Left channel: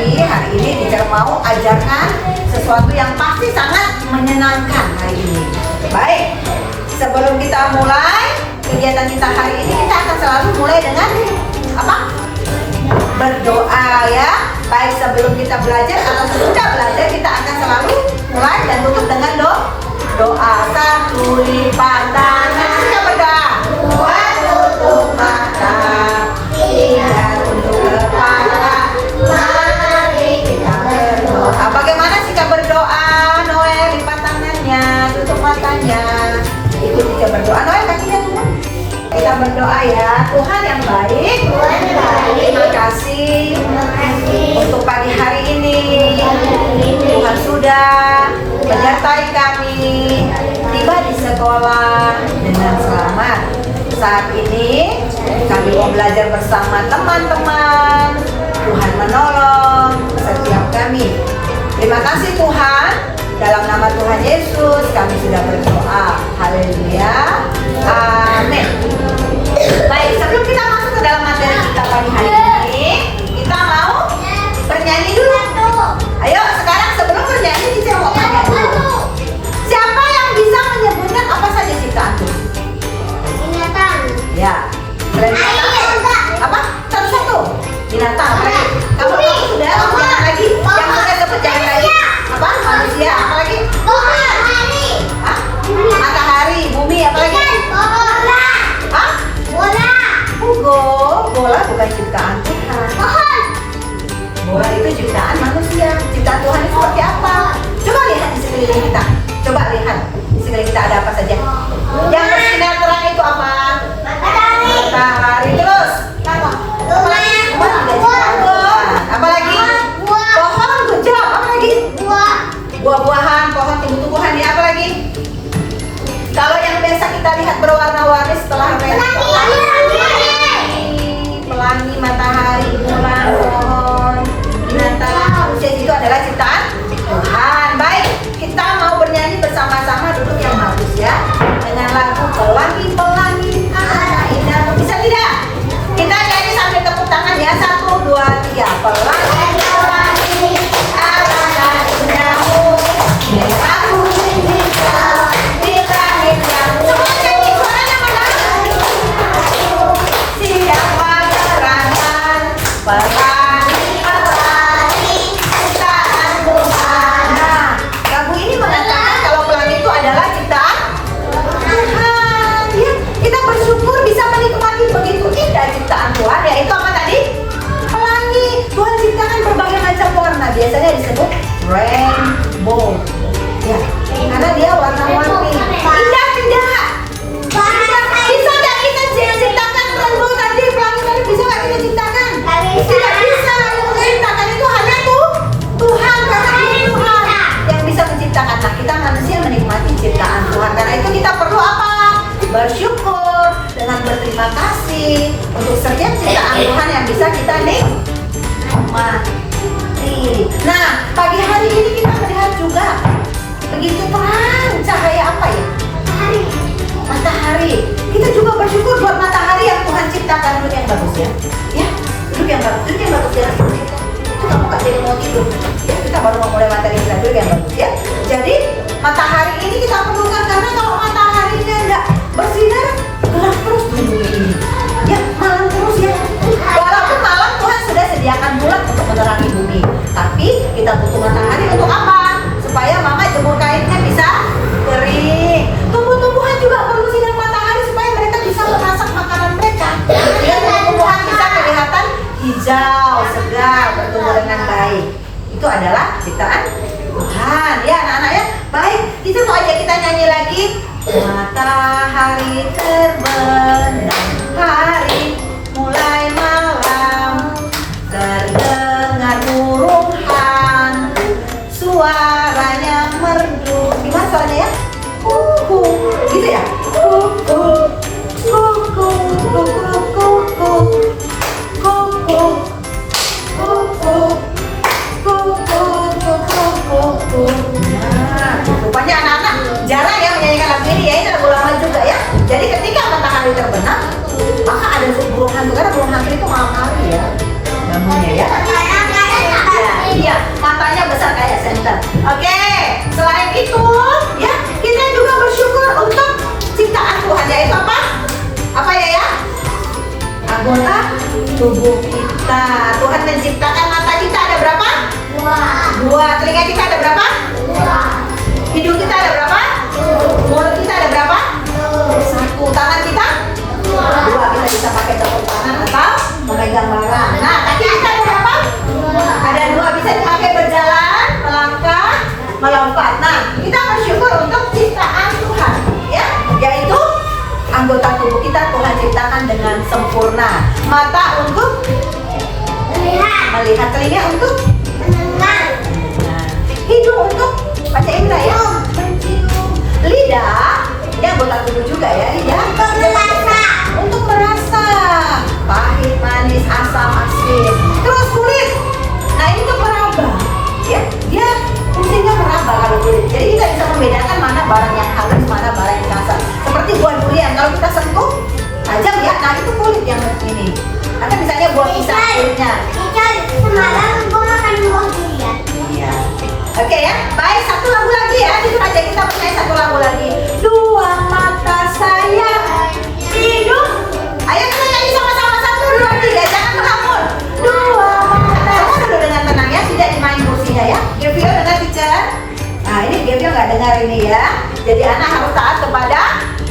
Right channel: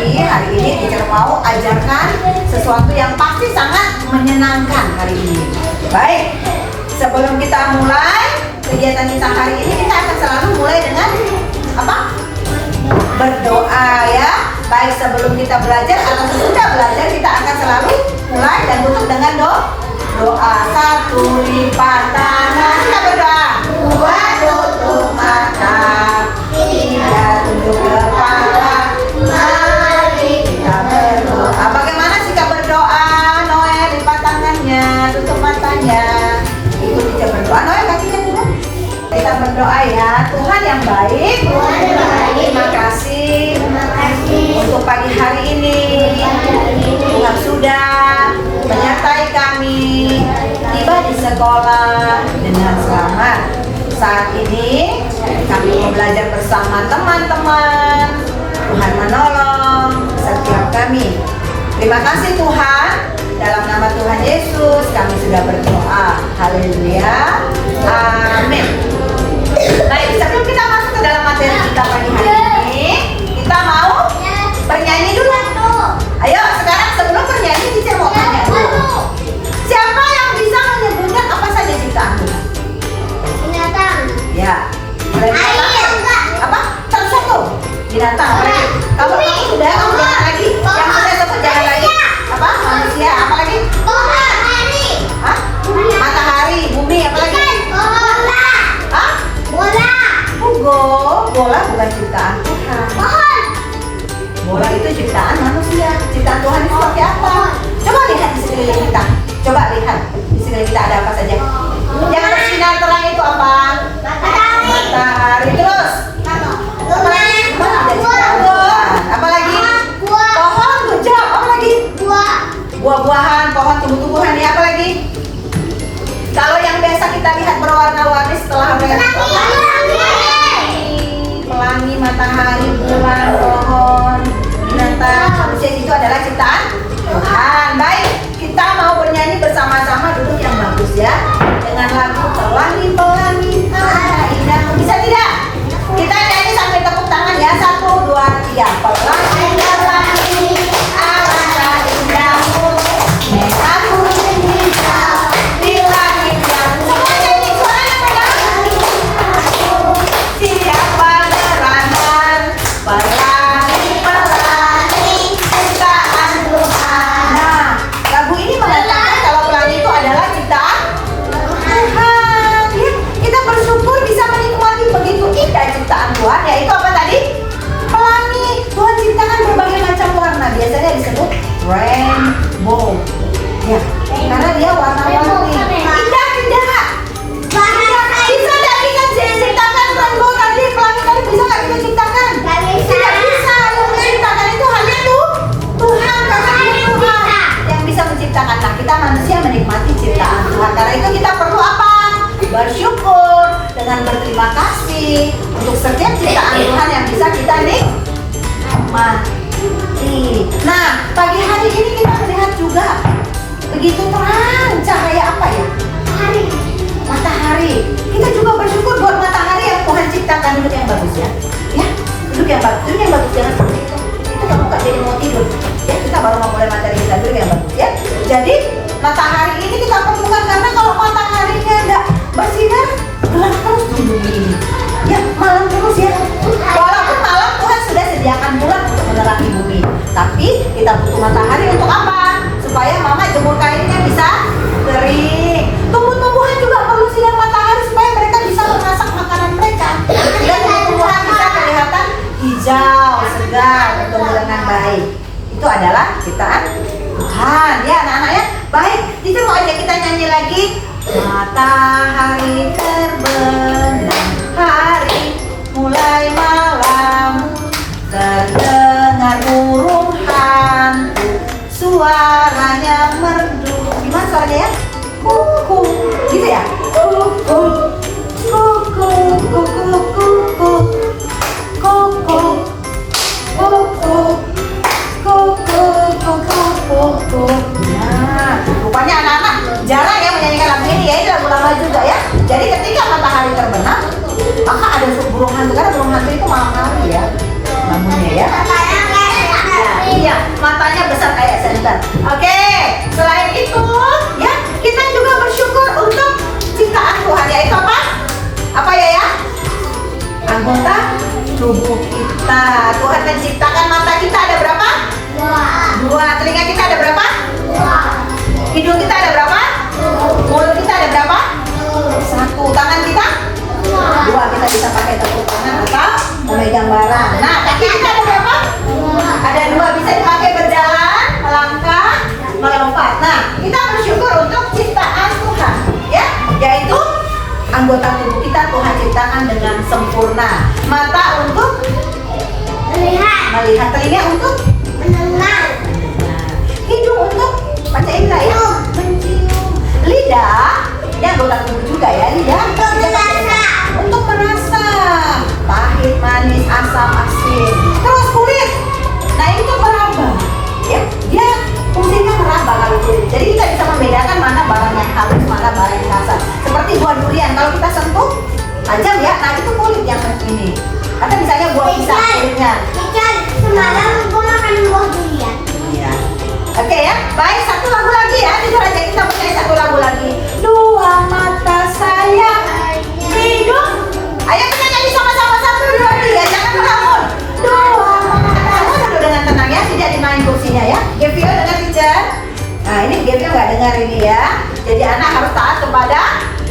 Tapi hari ini teacher mau ajarkan sesuatu yang pasti sangat menyenangkan hari ini. Baik, sebelum kita mulai kegiatan kita hari ini, kita akan selalu mulai dengan apa? Berdoa ya. Baik, sebelum kita belajar atau sudah belajar, kita akan selalu mulai dan tutup dengan doa. Satu, lipat tangan, kita berdoa. Dua, tutup mata. Tiga, tunduk kepala. Mari kita berdoa. Bagaimana sikap berdoa? Noel, lipat tangannya, tutup matanya. Ikut kita berdoa. Noel, kakinya tutup. Kita berdoa ya. Tuhan yang baik, terima kasih untuk pagi hari ini. Tuhan sudah menyertai kami tiba di sekolah dengan selamat. Saat ini kami mau belajar bersama teman-teman. Tuhan menolong setiap kami. Terima kasih Tuhan. Dalam nama Tuhan Yesus kami sudah berdoa. Haleluya. Amin. Baik, sebelum kita masuk ke dalam materi kita pagi hari ini, kita mau bernyanyi dulu. Ayo, sekarang sebelum bernyanyi kita mau tanya dulu. Siapa yang bisa menyebutkan apa saja ciptaan Tuhan? Binatang. Ya. Binatang. Apa? Satu-satu. Binatang apa lagi? Kamu sudah, kamu jangan lagi. Yang sudah sebut jangan lagi. Apa? Manusia, apa lagi? Matahari. Hah? Matahari, bumi, apa lagi? Bola. Hah? Bola. Bola bukan ciptaan Tuhan. Pohon. Bola itu ciptaan manusia. Ciptaan Tuhan itu seperti apa? Coba lihat di sekeliling kita. Coba lihat di sekeliling kita ada apa saja. Yang bersinar terang itu apa? Matahari. Matahari. Terus apa lagi? Rumah ada ciptaan Tuhan. Apa lagi? Buah. Pohon, good job. Apa lagi? Buah. Buah-buahan, pohon, tumbuh-tumbuhan. Ya, apa lagi? Kalau yang biasa kita lihat berwarna-warni setelah pelangi, matahari, bulan, pohon, binatang, manusia itu adalah ciptaan Tuhan. Baik, kita mau bernyanyi bersama-sama, duduk yang bagus ya, dengan lagu pelangi-pelangi tanah indah. Bisa tidak? Kita nyanyi sampai tepuk tangan ya. 1, 2, 3. Pelangi-pelangi tanah indahmu, merah kuning hijau di langit yang semua nyanyi suaranya mendalam. Siapa gerangan pelangi-pelangi ciptaan Tuhan. Nah, lagu ini mengatakan kalau pelangi itu adalah ciptaan Tuhan. Ya, kita bersyukur bisa menikmati begitu indah ciptaan Tuhan. Yaitu apa tadi? Pelangi. Tuhan ciptakan berbagai macam warna. Biasanya disebut rainbow. Ya, karena dia warna-warni. Indah tidak? Bisa nggak kita ciptakan rainbow tadi? Pelangi tadi bisa nggak kita ciptakan? Tidak bisa. Yang menciptakan itu hanya Tuhan. Karena ini Tuhan yang bisa menciptakan. Nah, kita manusia menikmati ciptaan Tuhan. Karena itu kita perlu apa? Bersyukur dengan berterima kasih untuk setiap ciptaan Tuhan yang bisa kita nikmati. Nah, pagi hari ini kita melihat juga begitu terang cahaya apa ya? Matahari. Kita juga bersyukur buat matahari yang Tuhan ciptakan. Duduk yang bagus ya. Ya, duduk yang bagus. Duduk yang bagus jangan seperti itu. Itu kamu gak jadi mau tidur. Ya, kita baru mau mulai materi kita. Duduk yang bagus ya. Jadi matahari ini kita perlukan karena kalau mataharinya enggak bersinar, gelap terus di bumi ini. Ya, malam terus ya. Walaupun malam Tuhan sudah sediakan bulan untuk menerangi bumi, tapi kita butuh matahari untuk apa? Supaya mama jemur kainnya bisa kering. Tumbuh-tumbuhan juga perlu sinar matahari supaya mereka bisa memasak makanan mereka. Dan tumbuh-tumbuhan bisa kelihatan hijau, segar, bertumbuh dengan baik. Itu adalah ciptaan Tuhan. Ya anak-anak ya. Baik, kita mau ajak kita nyanyi lagi. Matahari terbenam, hari mulai malam, terdengar burung hantu, suaranya merdu. Gimana suaranya ya? Kuku, gitu ya? Kuku, kuku, kuku, kuku, kuku, kuku, kuku, kuku, kuku. Nah, rupanya anak-anak jarang ya menyanyikan lagu ini ya. Ini lagu lama juga ya. Jadi ketika matahari terbenam, maka ada burung hantu. Karena burung hantu itu malam hari ya bangunnya ya. matanya besar kayak senter. Oke, selain itu ya kita juga bersyukur untuk ciptaan Tuhan, yaitu apa? Apa ya? Anggota tubuh kita. Tuhan menciptakan mata kita ada berapa? Dua. Telinga kita ada berapa? Hidung kita ada berapa? Mulut kita ada berapa? Satu. Tangan kita? Dua. Kita bisa pakai tepuk tangan atau memegang barang. Nah, kaki kita ada berapa? Ada dua. Bisa dipakai berjalan, melangkah, melompat. Nah, kita bersyukur untuk ciptaan Tuhan, ya, yaitu anggota tubuh kita Tuhan ciptakan dengan sempurna. Mata untuk melihat, telinga untuk mendengar, hidung untuk panca indera ya, lidah, ini anggota tubuh juga ya, lidah untuk merasa pahit, manis, asam, asin. Terus kulit, nah ini untuk meraba, ya, dia fungsinya meraba kalau kulit. Jadi kita bisa membedakan mana barang yang halus, mana barang yang kasar. Seperti buah durian, kalau kita sentuh tajam ya, nah itu kulit yang ini. Atau misalnya buah pisang kulitnya. Semalam gue makan buah durian. Iya. Oke ya, baik, satu lagu lagi ya. Jujur aja kita punya satu lagu lagi. Dua mata saya, hidung. Ayo kita nyanyi sama-sama, 1, 2, 3. Jangan melamun. Dua mata. Semua duduk dengan tenang ya, tidak dimain kursinya ya. Gevio dengar teacher. Nah ini Gevio nggak dengar ini ya. Jadi anak harus taat kepada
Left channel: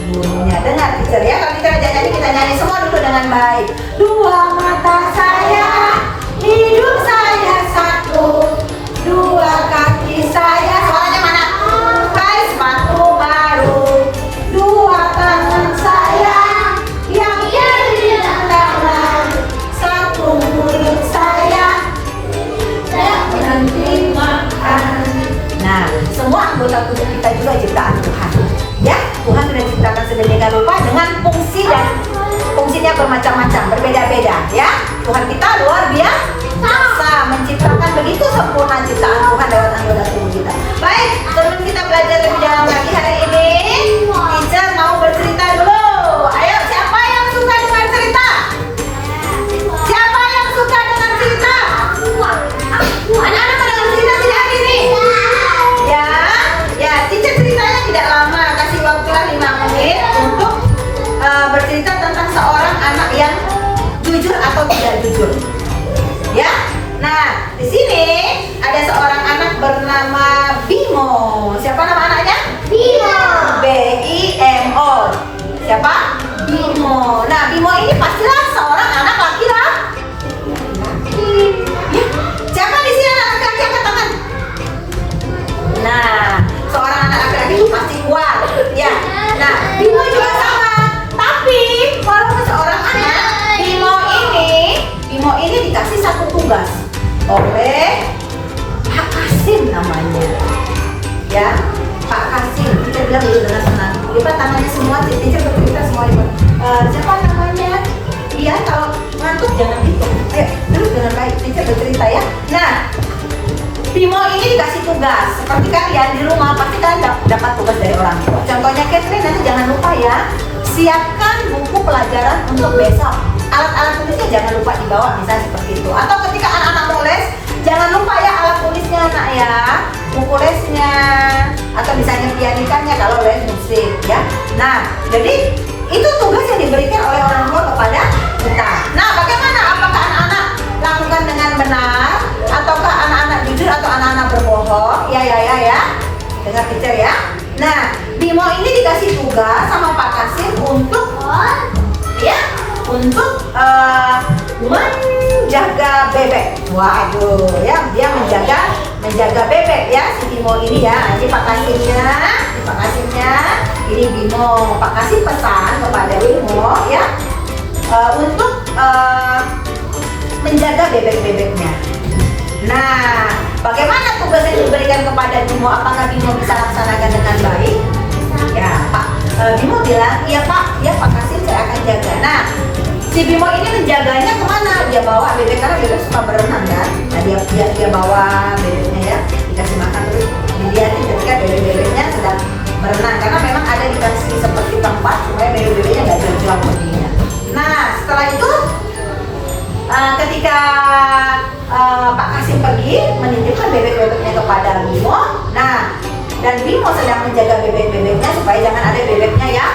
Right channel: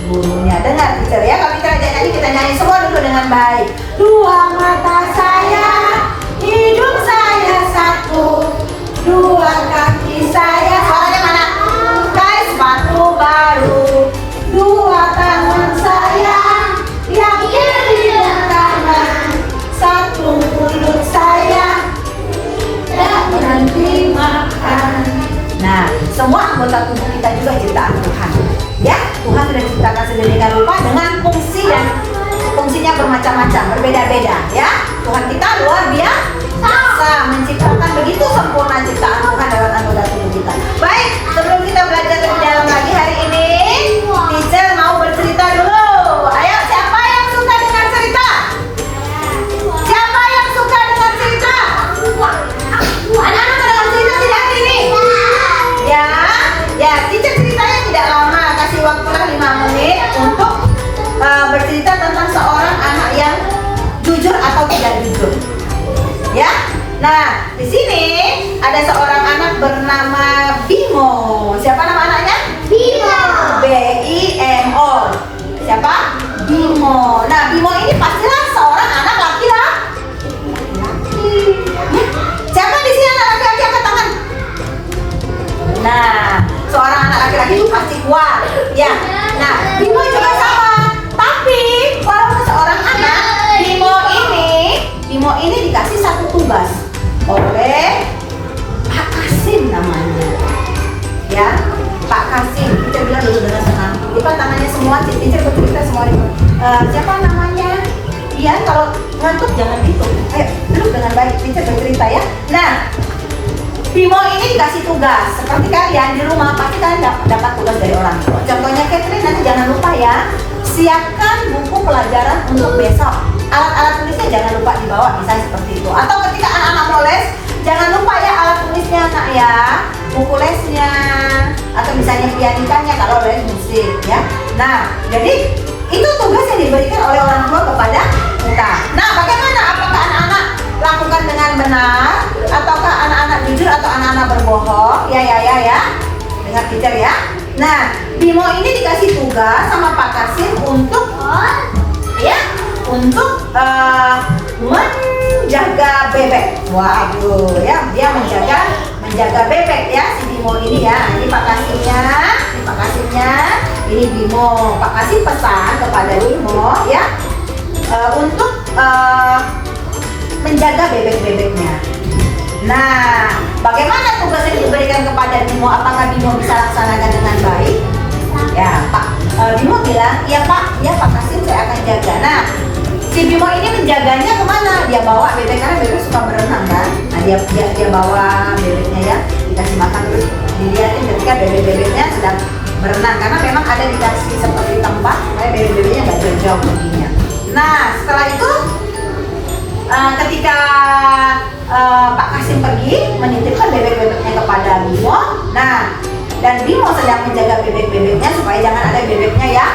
gurunya. Dengar teacher ya. Kalau kita ajak nyanyi, kita nyanyi semua duduk dengan baik. Dua mata saya, hidung saya satu, dua kaki saya, suaranya mana? Pakai sepatu baru. Dua tangan saya yang kiri dan kanan, satu mulut saya yang berhenti makan. Nah, semua anggota tubuh kita juga ciptaan Tuhan. Ya, Tuhan sudah ciptakan sedemikian rupa dengan fungsi dan fungsinya bermacam-macam, berbeda-beda ya. Tuhan kita luar biasa, menciptakan begitu sempurna ciptaan Tuhan lewat anggota tubuh kita. Baik, sebelum kita belajar lebih dalam lagi hari ini, teacher mau bercerita dulu. Ayo, siapa yang suka dengan cerita? Siapa yang suka dengan cerita? Anak-anak pada cerita tidak ini? Ya, ya, teacher ceritanya tidak lama, kasih waktulah 5 menit untuk bercerita tentang seorang anak yang jujur atau tidak jujur. Ya. Nah, di sini ada seorang anak bernama Bimo. Siapa nama anaknya? Bimo. B-I-M-O. Siapa? Bimo. Nah, Bimo ini pastilah seorang anak laki-laki. Siapa di sini anak laki-laki, angkat tangan? Nah, seorang anak laki-laki itu pasti kuat. Ya. Nah, Bimo juga sama. Tapi kalau seorang anak, Bimo ini dikasih satu tugas oleh Pak Kasim namanya. Ya, Pak Kasim. Kita bilang dulu dengan senang. Lipat tangannya semua, teacher bercerita semua. Siapa namanya? Iya, kalau ngantuk jangan gitu. Ayo, duduk dengan baik. Teacher bercerita ya. Nah, Bimo ini dikasih tugas. Seperti kalian di rumah pasti kalian dapat tugas dari orang tua. Contohnya Catherine, nanti jangan lupa ya. Siapkan buku pelajaran untuk besok. Alat-alat tulisnya jangan lupa dibawa, misalnya seperti itu. Atau ketika anak-anak mau les, jangan lupa ya alat tulisnya nak ya, buku lesnya, atau misalnya pianikannya kalau les musik ya. Nah, jadi itu tugas yang diberikan oleh orang tua kepada kita. Nah, bagaimana? Apakah anak-anak lakukan dengan benar, ataukah anak-anak jujur atau anak-anak berbohong? Ya. Dengar teacher ya. Nah, Bimo ini dikasih tugas sama Pak Kasim untuk menjaga bebek. Waduh, ya dia menjaga bebek ya si Bimo ini ya. Ini Pak Kasimnya, ini Bimo. Pak Kasim pesan kepada Bimo ya untuk menjaga bebek-bebeknya. Nah, bagaimana tugas yang diberikan kepada Bimo? Apakah Bimo bisa laksanakan dengan baik? Ya, Pak Bimo bilang, iya Pak Kasim, saya akan jaga. Nah, si Bimo ini menjaganya kemana? Dia bawa bebek, karena bebek suka berenang kan. Nah, dia bawa bebeknya ya, dikasih makan terus dilihatin ketika bebek-bebeknya sedang berenang, karena memang ada dikasih seperti tempat supaya bebek-bebeknya nggak jauh-jauh perginya. Nah, setelah itu ketika Pak Kasim pergi menitipkan bebek-bebek menjaga bebek-bebeknya supaya jangan ada bebeknya yang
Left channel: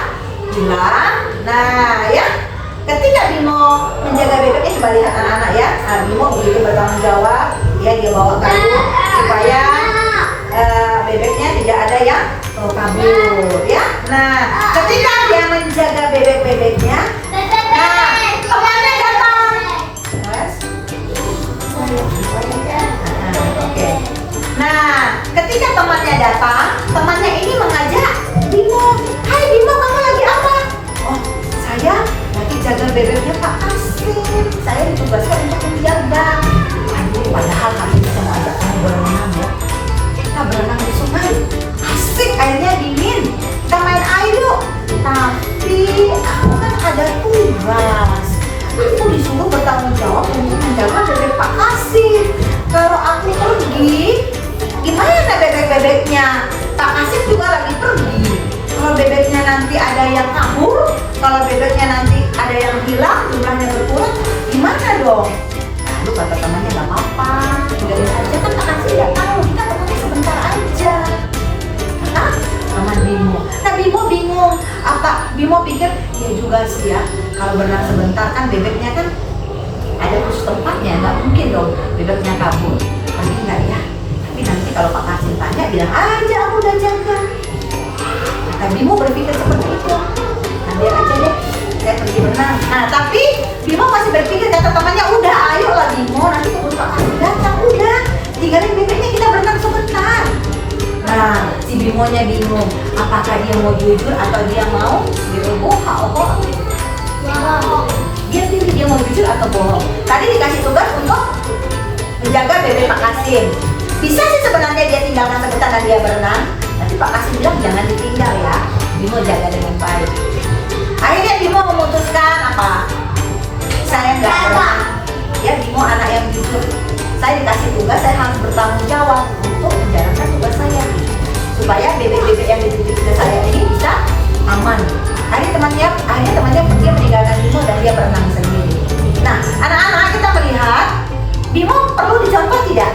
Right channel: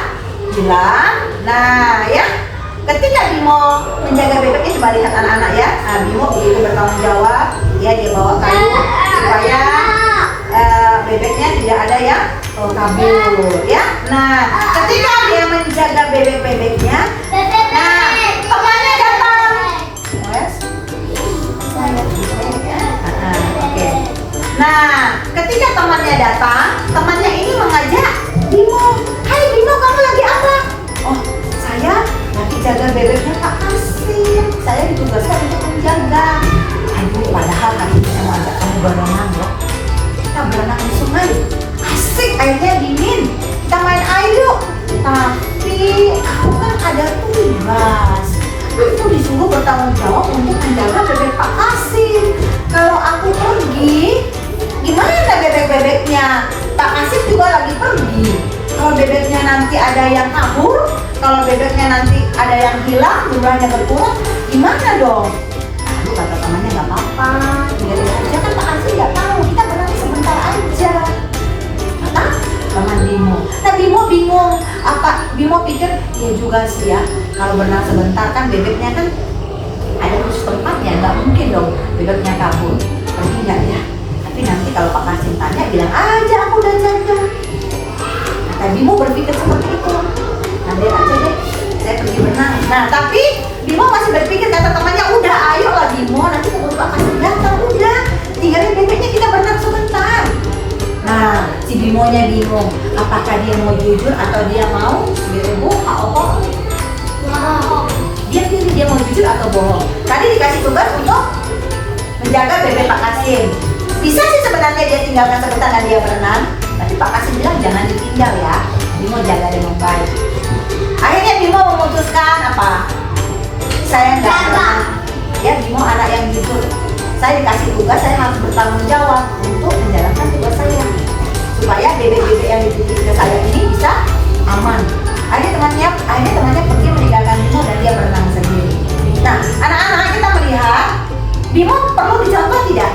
hilang. Nah, ya, ketika Bimo menjaga bebeknya, coba lihat anak-anak ya. Nah, Bimo begitu bertanggung jawab, ya dia bawa kayu supaya bebeknya tidak ada yang kabur, ya. Nah, ketika dia menjaga bebek-bebeknya, nah temannya datang. Oke. Nah, ketika temannya datang, temannya ini mengajak Bimo. Hai Bimo, kamu lagi apa? Oh, saya lagi jaga bebeknya Pak Kasim. Saya ditugaskan untuk menjaga. Aduh, padahal hari ini saya mau ajak kamu berenang ya. Kita berenang di sungai. Asik, airnya dingin. Kita main air yuk. Tapi aku kan ada tugas. Aku disuruh bertanggung jawab untuk menjaga bebek Pak Kasim. Kalau aku pergi, gimana bebek-bebeknya? Pak Kasim juga lagi pergi. Kalau bebeknya nanti ada yang kabur, kalau bebeknya nanti ada yang hilang, jumlahnya berkurang, gimana dong? Lalu kata temannya, nggak apa-apa, tinggalin aja, kan Pak Kasim nggak tahu, kita berenang sebentar aja. Kata teman Bimo. Nah, Bimo bingung. Bimo pikir, ya juga sih ya, kalau berenang sebentar kan bebeknya kan ada khusus tempatnya, nggak mungkin dong bebeknya kabur. Pergi nggak ya? Tapi nanti kalau Pak Kasim tanya, bilang aja aku udah jaga. Nah, Bimo berpikir seperti itu. Nah, biar aja deh, saya pergi berenang. Nah, tapi Bimo masih berpikir, kata temannya, udah ayo lah Bimo, nanti keburu Pak Kasim datang, udah tinggalin bebeknya, kita berenang sebentar. Nah, si Bimonya bingung, apakah dia mau jujur atau dia mau bohong? Dia pilih dia mau jujur atau bohong. Tadi dikasih tugas untuk menjaga bebek Pak Kasim. Bisa sih sebenarnya dia tinggalkan sebentar dan dia berenang, tapi Pak Kasim bilang jangan ditinggal ya. Bimo jaga dengan baik. Akhirnya Bimo memutuskan apa? Saya nggak berenang. Ya, Bimo anak yang jujur. Saya dikasih tugas, saya harus bertanggung jawab untuk menjalankan tugas saya supaya bebek-bebek yang dititipkan saya ini bisa aman. Akhirnya temannya pergi meninggalkan Bimo dan dia berenang sendiri. Nah, anak-anak, kita melihat Bimo perlu dicontoh tidak?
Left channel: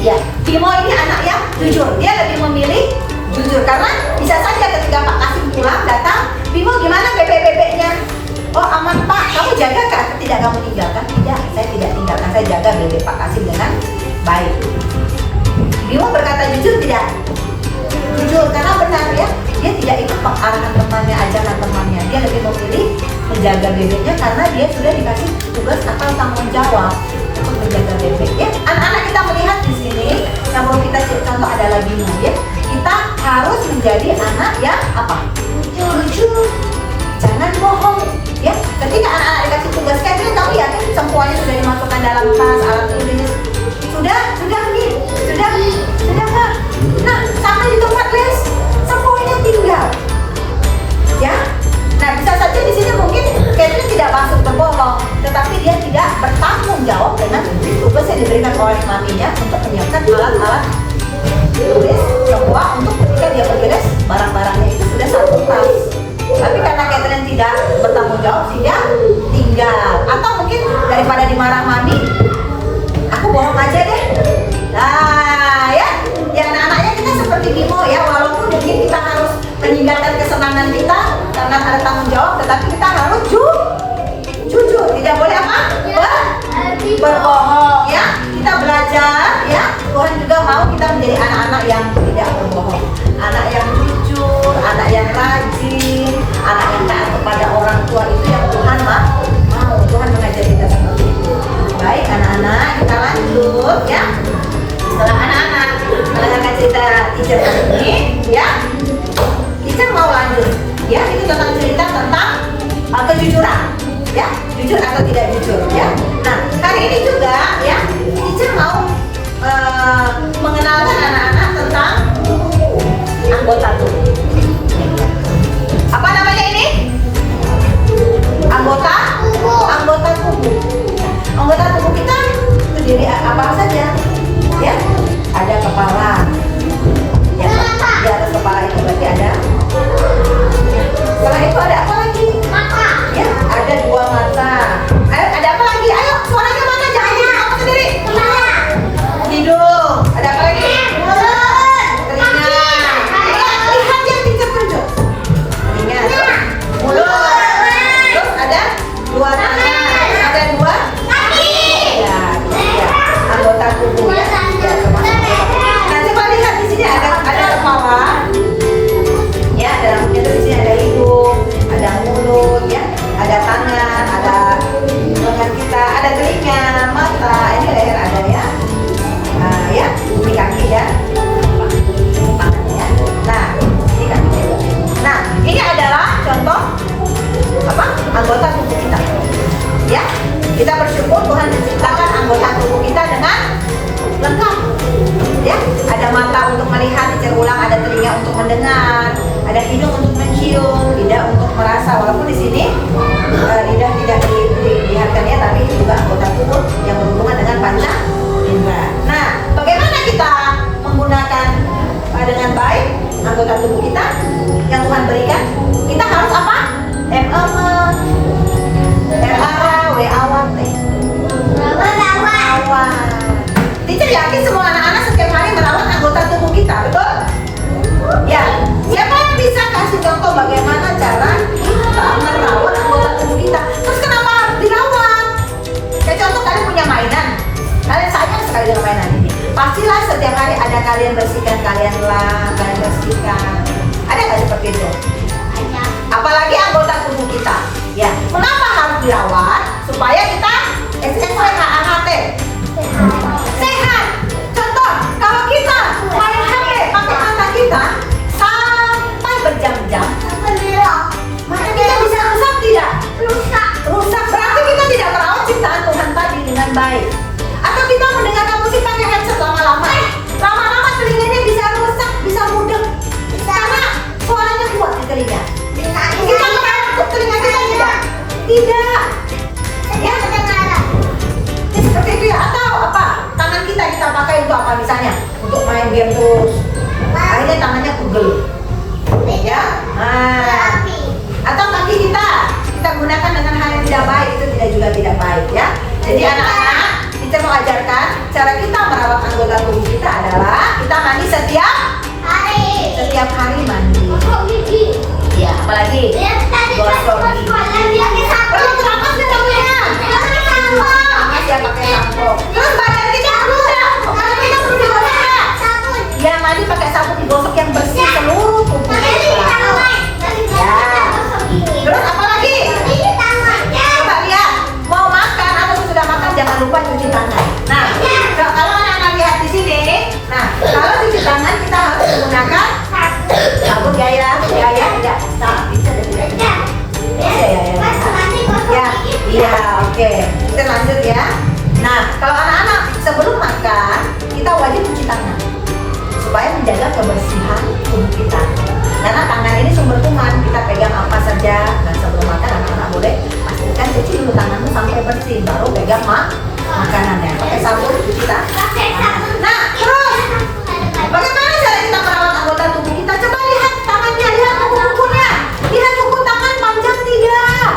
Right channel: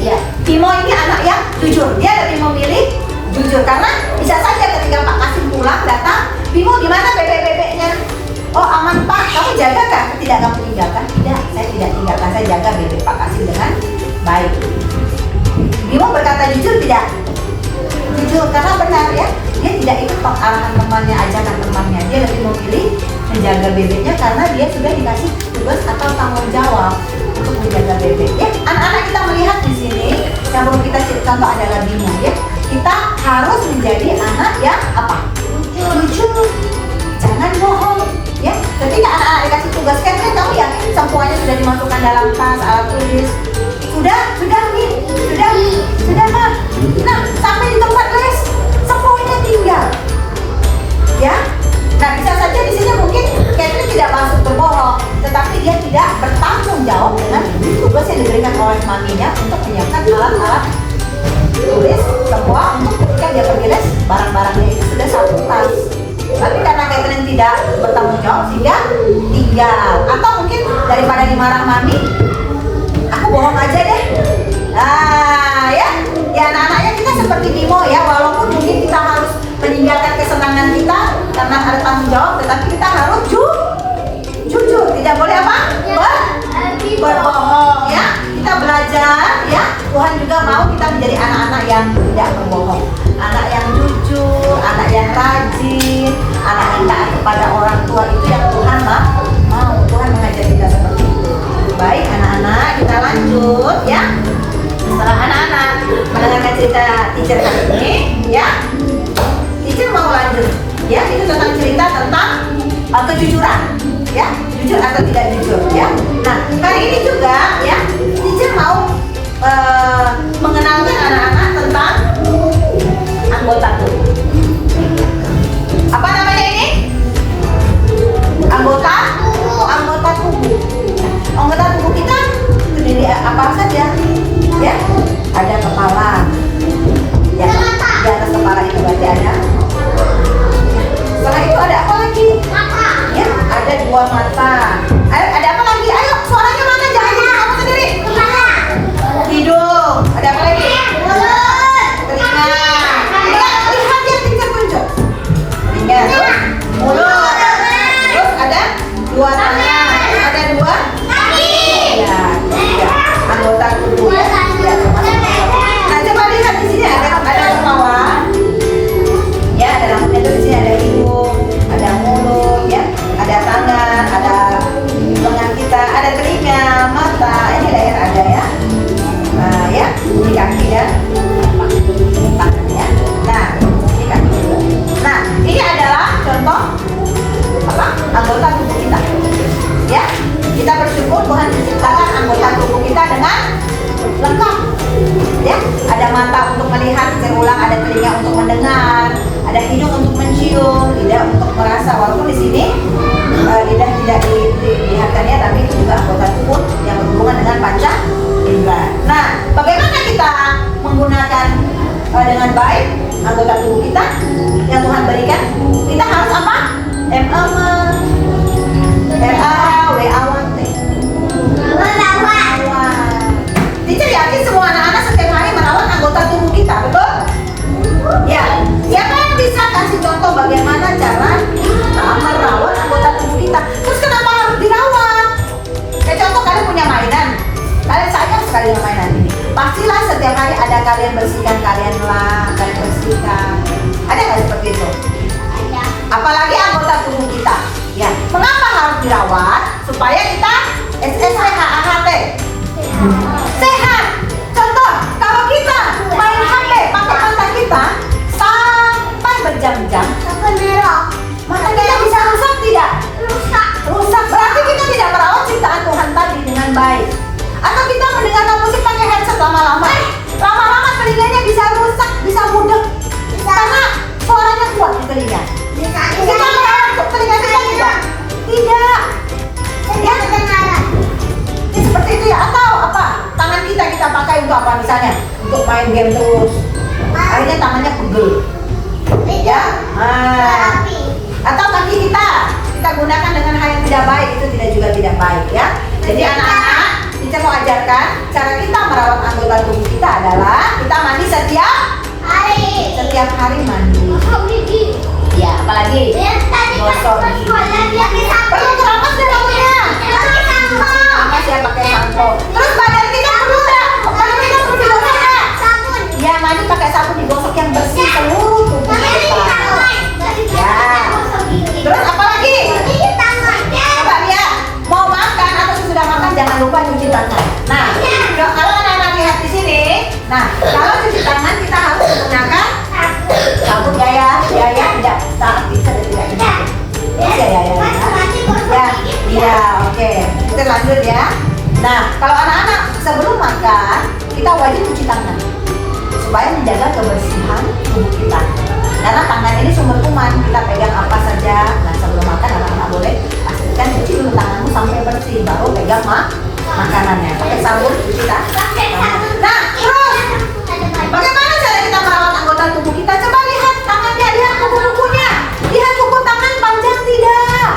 Ya, Bimo ini anak yang jujur. Dia lebih memilih jujur karena bisa saja ketika Pak Kasim pulang datang, Bimo gimana bebek-bebeknya? Oh aman Pak, kamu jaga kan? Tidak kamu tinggalkan? Tidak, saya tidak tinggalkan, saya jaga bebek Pak Kasim dengan baik. Bimo berkata jujur tidak? Jujur, karena benar ya, dia tidak ikut arahan temannya, ajaran temannya. Dia lebih memilih menjaga bebeknya karena dia sudah dikasih tugas atau tanggung jawab untuk menjaga bebek. Ya, anak-anak kita melihat di sini, yang perlu kita contoh adalah Bimo ya. Kita harus menjadi anak yang apa? Jujur. Jangan bohong. Ya, ketika anak-anak dikasih tugas, kan kamu yakin semuanya sudah dimasukkan dalam tas, alat tulis? Sudah Kak. Nah, sampai di tempat les, semuanya tinggal. Ya, nah bisa saja di sini mungkin Catherine tidak masuk berbohong, tetapi dia tidak bertanggung jawab dengan tugas yang diberikan oleh maminya untuk menyiapkan alat-alat tulis semua untuk ketika dia pergi les, barang-barangnya itu sudah satu tas. Tapi karena Catherine tidak bertanggung jawab, dia tinggal. Atau mungkin daripada dimarah mami, aku bohong aja deh. Nah, ya anak-anaknya kita seperti Bimo ya, walaupun mungkin kita harus meninggalkan kesenangan kita karena ada tanggung jawab, tetapi kita harus jujur. Tidak boleh apa? Berbohong ya. Kita belajar ya. Tuhan juga mau kita menjadi anak-anak yang tidak berbohong, anak yang jujur, anak yang rajin, anak yang taat kepada orang tua. Itu yang Tuhan mau. Tuhan mengajar kita seperti itu. Baik anak-anak, kita lanjut ya. Setelah anak-anak mendengarkan cerita teacher ini ya, teacher mau lanjut ya. Itu tentang cerita tentang kejujuran ya, jujur atau tidak jujur ya. Nah, hari ini juga ya, teacher mau mengenalkan anak-anak tentang anggota tubuh. Apa namanya ini? Anggota tubuh. Anggota tubuh kita terdiri apa saja? Ya, ada kepala. Ya, di atas kepala itu berarti ada. Setelah itu ada apa lagi? Mata. Ya, ada dua mata. Ada apa lagi? Ayo, suaranya mana? Jangan kamu sendiri. Hidung. Ada apa lagi? Mulut. Telinga. lengkap. Ya, ada mata untuk melihat, ulang, ada telinga untuk mendengar, ada hidung untuk mencium, lidah untuk merasa. Walaupun di sini lidah tidak dilihatkannya, tapi itu juga anggota tubuh yang berhubungan dengan panca indera. Nah, bagaimana kita menggunakan dengan baik anggota tubuh kita yang Tuhan berikan? Kita harus apa? M-E-M, R-A-W, A-W-T. Teacher yakin semua anak-anak setiap hari merawat anggota tubuh kita, betul? Ya, siapa yang bisa kasih contoh bagaimana cara kita merawat anggota tubuh kita? Terus kenapa harus dirawat? Kayak contoh kalian punya mainan, kalian sayang sekali dengan mainan ini. Pastilah setiap hari ada kalian bersihkan, kalian lap, kalian bersihkan. Ada nggak seperti itu? Apalagi anggota tubuh kita. Ya, mengapa harus dirawat? Supaya kita SSHAHT sehat. Contoh, kalau kita main HP pakai mata kita sampai berjam-jam, mata kita bisa rusak tidak? Rusak. Berarti kita tidak merawat ciptaan Tuhan tadi dengan baik. Atau kita mendengarkan musik pakai headset lama-lama telinganya bisa rusak, bisa mudek karena suaranya kuat di telinga. Kita merawat telinga kita tidak? Tidak. Ya, seperti itu ya. Atau apa? Tangan kita pakai untuk apa misalnya? Untuk main game terus. Akhirnya tangannya pegel. Ya. Atau kaki kita gunakan dengan hal yang tidak baik, itu tidak baik ya. Jadi anak-anak, kita mau ajarkan cara kita merawat anggota tubuh kita adalah kita mandi setiap hari mandi. Ya, apalagi gosok gigi. Perlu keramas dan rambutnya. Ya, pakai sampo. Terus badan kita perlu digosok ya. Ya, mandi pakai sabun, digosok yang bersih seluruh tubuh kita. Ya. Terus apa lagi? Coba lihat, mau makan atau sudah makan jangan lupa cuci tangan. Nah, kalau anak-anak lihat di sini, nah kalau cuci tangan kita harus menggunakan sabun tidak saat kita tidak ya, oke. Kita lanjut ya. Nah, kalau anak-anak sebelum makan kita wajib cuci tangan supaya menjaga kebersihan tubuh kita. Karena tangan ini sumber kuman, kita pegang apa saja. Nah, sebelum makan anak-anak boleh pastikan cuci dulu tanganmu sampai bersih, baru pegang makanannya. Pakai sabun cuci tangan. Nah, terus bagaimana cara kita merawat anggota tubuh kita? Coba lihat tangannya, lihat kuku-kukunya. Lihat kuku tangan panjang tidak?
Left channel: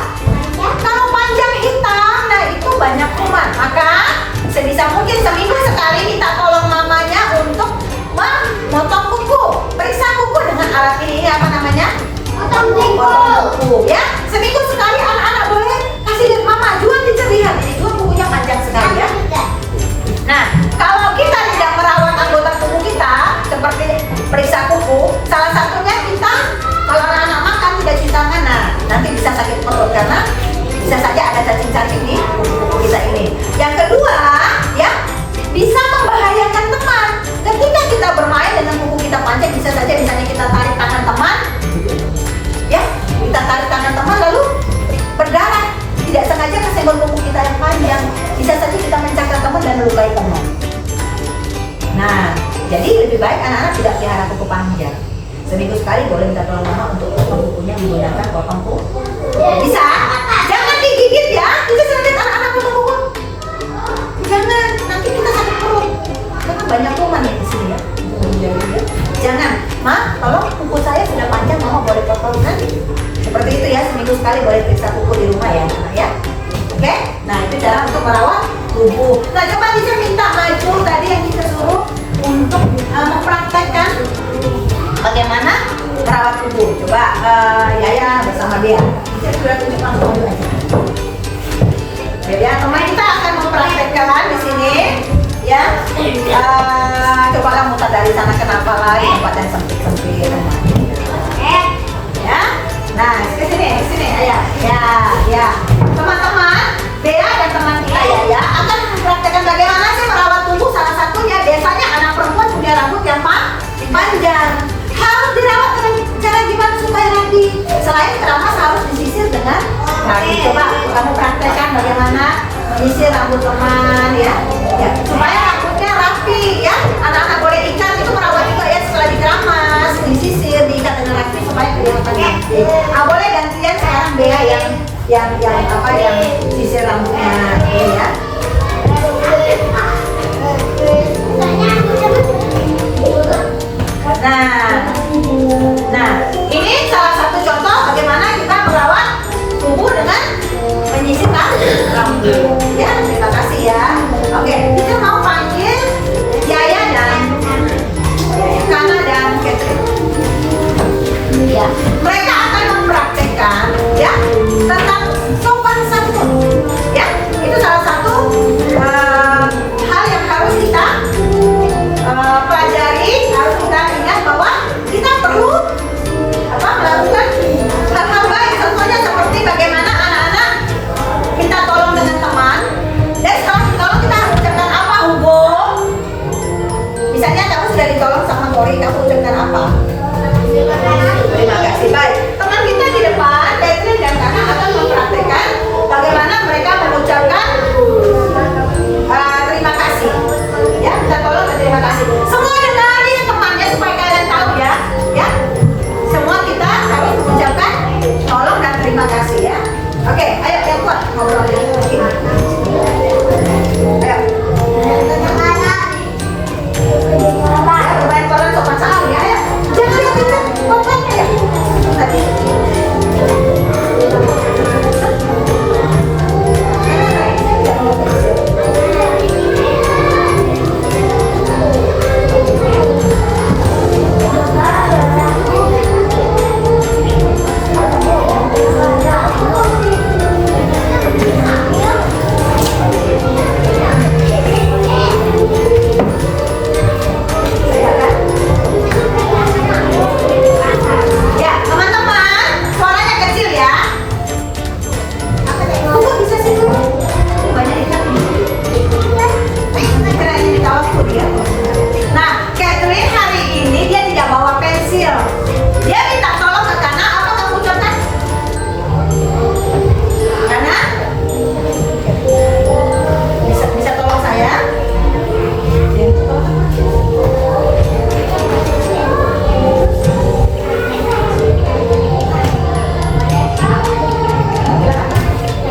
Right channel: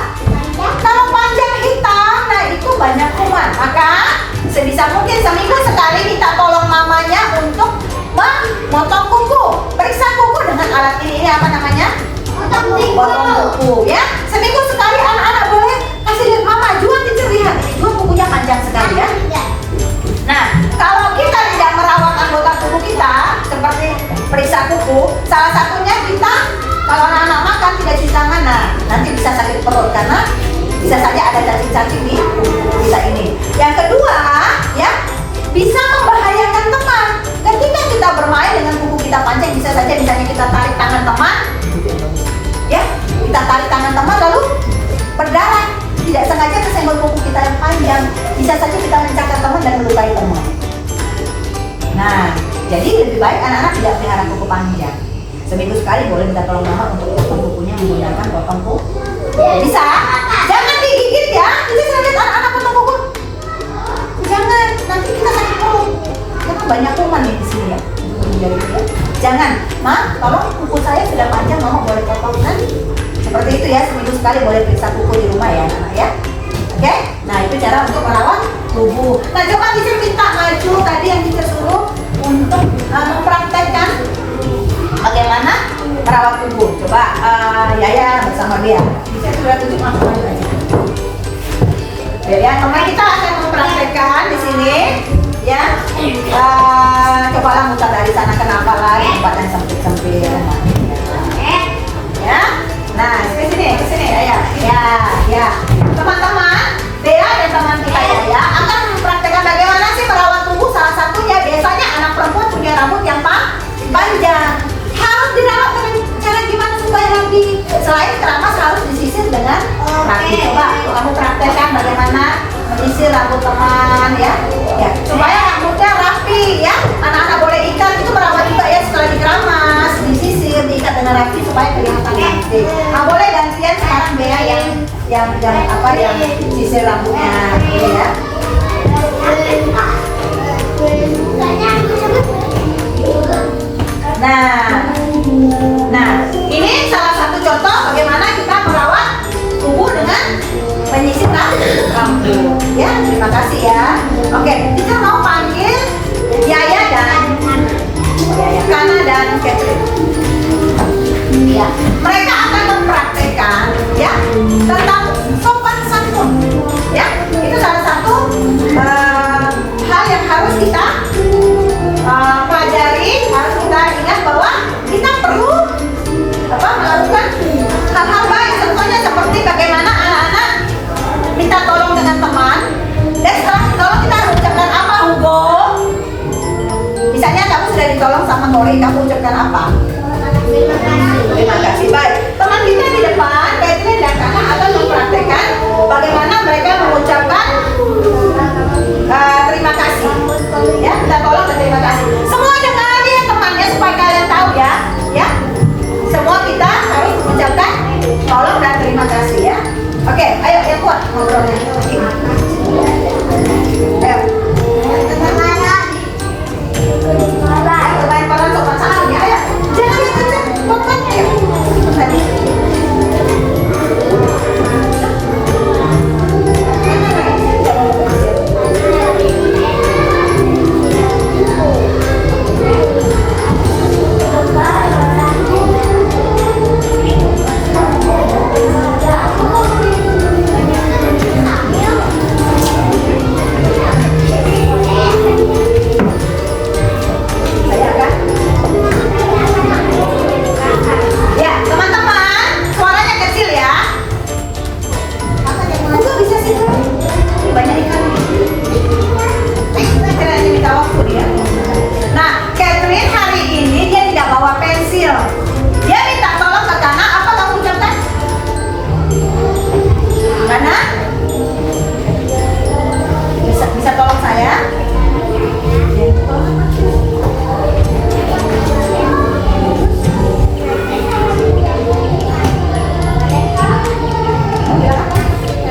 Kalau panjang hitam, nah itu banyak kuman. Maka sebisa mungkin seminggu sekali kita tolong mamanya untuk memotong kuku. Periksa kuku dengan alat ini apa namanya? Potong kuku ya. Seminggu sekali anak-anak boleh kasih lihat mama, Juan lihat ini Juan kukunya panjang sekali ya. Nah, kalau kita tidak merawat anggota tubuh kita seperti periksa kuku, salah satunya kita kalau anak-anak makan tidak cuci tangan, nah nanti bisa sakit perut karena bisa saja ada cacing-cacing di kuku kita ini. Yang kedua, ya bisa membahayakan teman. Ketika kita bermain dengan kuku kita panjang, bisa saja misalnya kita tarik tangan teman, ya kita tarik tangan teman lalu berdarah. Tidak sengaja kesenggol kuku kita yang panjang, bisa saja kita mencakar teman dan melukai teman. Nah, jadi lebih baik anak-anak tidak pelihara kuku panjang. Seminggu sekali boleh minta tolong mama untuk potong kukunya menggunakan potong kuku. Bisa, jangan digigit ya. Jadi lihat anak-anak potong kuku. Jangan, nanti kita sakit perut. Karena banyak kuman ya di sini ya. Jangan, tolong kuku saya sudah panjang, mama boleh potong nanti. Seperti itu ya, seminggu sekali boleh periksa kuku di rumah ya, anak ya. Oke, nah itu cara untuk merawat tubuh. Nah coba bisa minta Maju tadi yang kita suruh untuk mempraktekkan bagaimana merawat tubuh. Coba Yaya bersama dia. Kita sudah tunjuk langsung aja. Jadi teman kita akan mempraktekkan di sini, ya. Cobalah muter dari sana ke nafas lagi, tempat yang sempit-sempit. Ya. Nah, ke sini, Ayah. Ya. Teman-teman, Dea dan teman kita Yaya akan mempraktekkan bagaimana sih merawat tubuh. Salah satunya biasanya anak perempuan punya rambut yang panjang. Harus dirawat dengan cara gimana supaya rapi. Selain keramas harus disisir dengan rapi. Coba kamu praktekkan bagaimana menyisir rambut teman ya. Supaya rambutnya rapi. yang sisir rambutnya dulu ya. Nah, ini salah satu contoh bagaimana kita merawat tubuh dengan menyisirkan rambut. Ya, terima kasih ya. Oke, kita mau panggil Yaya dan Kana dan Catherine. Ya, mereka akan mempraktekkan ya tentang sopan santun. Ya, itu salah satu hal yang harus kita pelajari. Harus kita ingat bahwa kita perlu melakukan hal-hal baik. Contohnya seperti bagaimana anak-anak minta tolong dengan teman. Dan setelah ditolong kita harus ucapkan apa, Hugo? Misalnya kamu sudah ditolong sama Tori, kamu ucapkan apa? Terima kasih. Baik, teman kita di depan, Catherine dan Kana akan mempraktekkan bagaimana mereka mengucapkan terima kasih. Ya, minta tolong dan terima kasih. Semua dengar ya temannya supaya kalian tahu ya. Ya, semua kita harus mengucapkan tolong dan terima kasih ya. Oke, ayo yang kuat ngobrolnya. Ayo. Lumayan pelan sopan santun ya. Ayo. Jangan kenceng, pelan ya. Tadi. Ya, teman-teman, suaranya kecil ya. Kok bisa sih? Banyak ikan. Keren ini minta waktu dia. Nah, Catherine hari ini dia tidak bawa pensil. Dia minta tolong ke Kana, apa kamu ucapkan? Kana? Bisa tolong saya?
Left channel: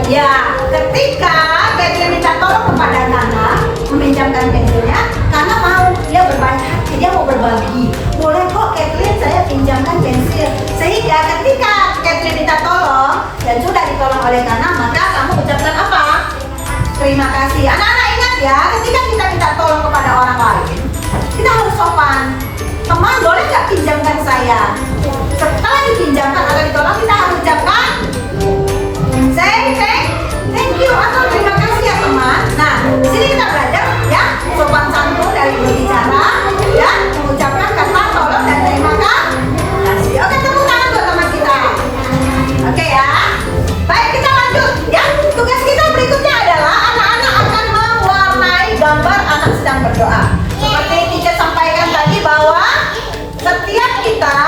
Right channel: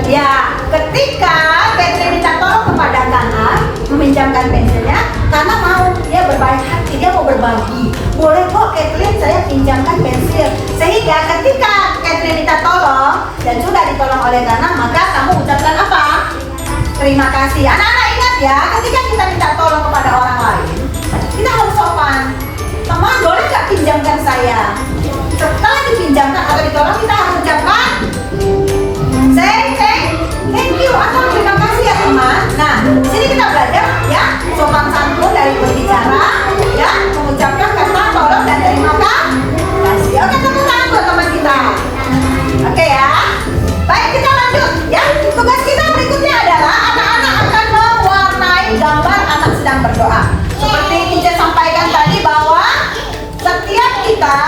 Ya, ketika Catherine minta tolong kepada Kana meminjamkan pensilnya, Kana mau, dia berbaik hati, dia mau berbagi. Boleh kok Catherine, saya pinjamkan pensil. Sehingga ketika Catherine minta tolong dan sudah ditolong oleh Kana, maka kamu ucapkan apa? Terima kasih. Anak-anak ingat ya, ketika kita minta tolong kepada orang lain, kita harus sopan. Teman, boleh nggak pinjamkan saya? Setelah dipinjamkan atau ditolong, kita harus ucapkan say thank you atau terima kasih ya teman. Nah, sini kita belajar ya sopan santun dari berbicara dan mengucapkan kata tolong dan terima kasih. Oke, tepuk tangan buat teman kita. Oke ya. Baik, kita lanjut ya. Tugas kita berikutnya adalah anak-anak akan mewarnai gambar anak sedang berdoa. Seperti teacher sampaikan tadi bahwa setiap kita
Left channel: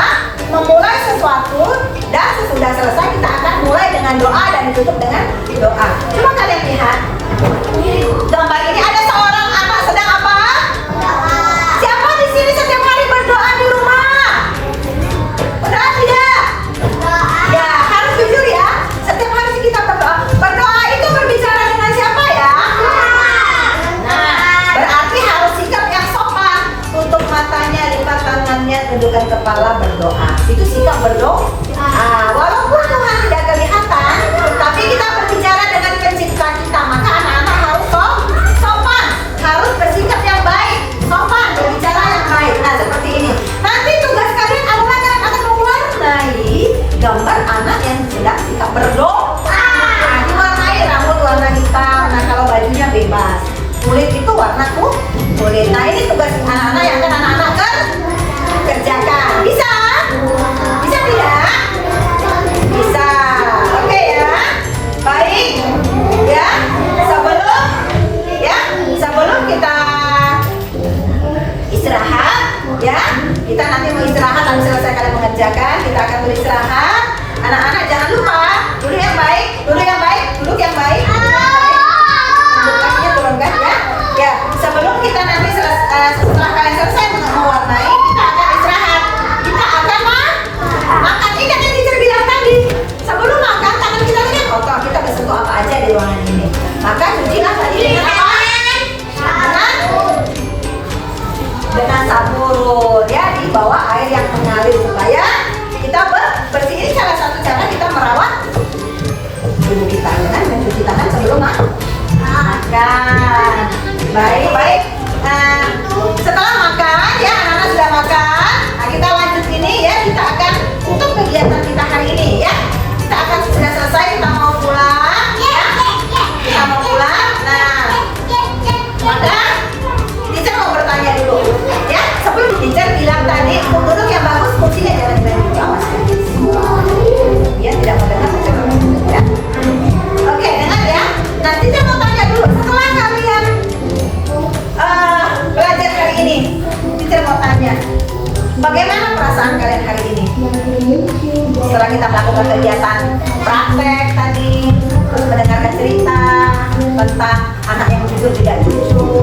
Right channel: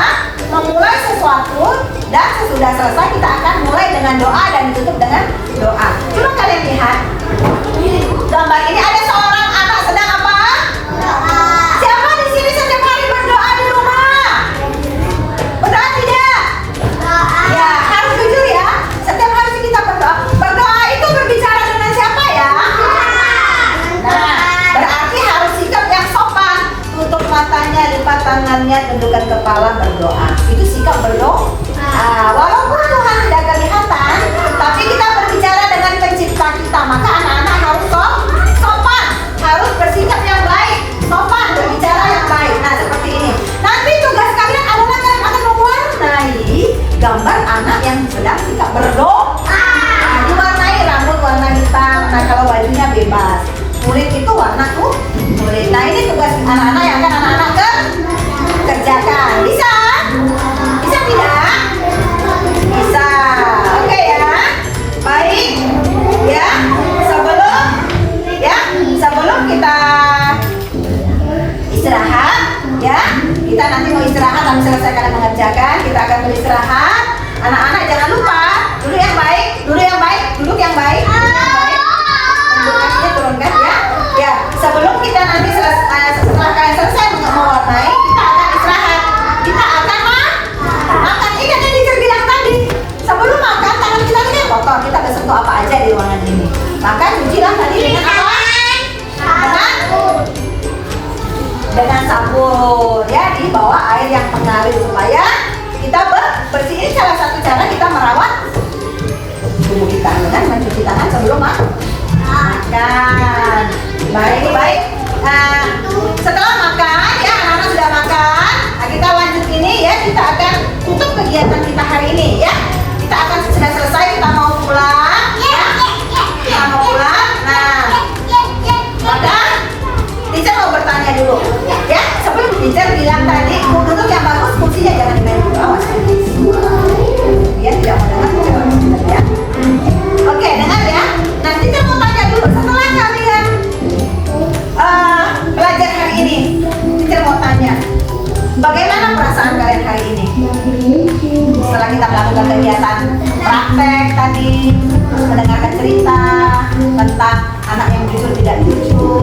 memulai sesuatu dan sesudah selesai kita akan mulai dengan doa dan ditutup dengan doa. Coba kalian lihat gambar ini, ada seorang anak sedang apa? Siapa di sini setiap hari berdoa di rumah? Berdoa tidak? Ya, harus jujur ya. Setiap hari kita berdoa. Berdoa itu berbicara dengan siapa ya? Nah, berarti harus sikap yang sopan. Tutup matanya, lipat tangannya, tundukkan kepala, berdoa. Itu sikap berdoa. Walaupun Tuhan tidak kelihatan, tapi kita berbicara dengan pencipta kita. Maka anak-anak harus sopan, harus bersikap yang baik, sopan, berbicara yang baik. Nah, seperti ini. Nanti tugas kalian adalah kalian akan mewarnai gambar anak yang sedang sikap berdoa. Nah, diwarnai rambut warna hitam. Nah, kalau bajunya bebas. Kulit itu warna kulit. Nah, ini tugas anak-anak yang akan anak-anak kerjakan. Bisa? Bisa tidak? Bisa. Oke ya. Baik. Ya. Sebelum kita istirahat, ya. Kita nanti mau istirahat habis selesai kalian mengerjakan, kita akan beristirahat. Anak-anak jangan lupa duduk yang baik, duduk yang baik, duduk yang baik. Kakinya turunkan ya. Ya, sebelum kita nanti setelah kalian selesai mewarnai, kita akan istirahat. Kita akan makan. Ingat yang teacher bilang tadi. Sebelum makan tangan kita kotor. Kita hari ini ya. Kita akan sudah selesai, kita mau pulang ya. Kita mau pulang. Nah, maka teacher mau bertanya dulu ya. Sebelum teacher bilang tadi, duduk yang bagus, kursinya jangan dimain dulu, awas. Dia tidak mau dengar teacher ya. Oke, dengar ya. Nah, teacher mau tanya dulu, setelah kalian belajar hari ini, teacher mau tanya, bagaimana perasaan kalian hari ini? Setelah kita melakukan kegiatan praktek tadi, terus mendengarkan cerita tentang anak yang jujur tidak jujur,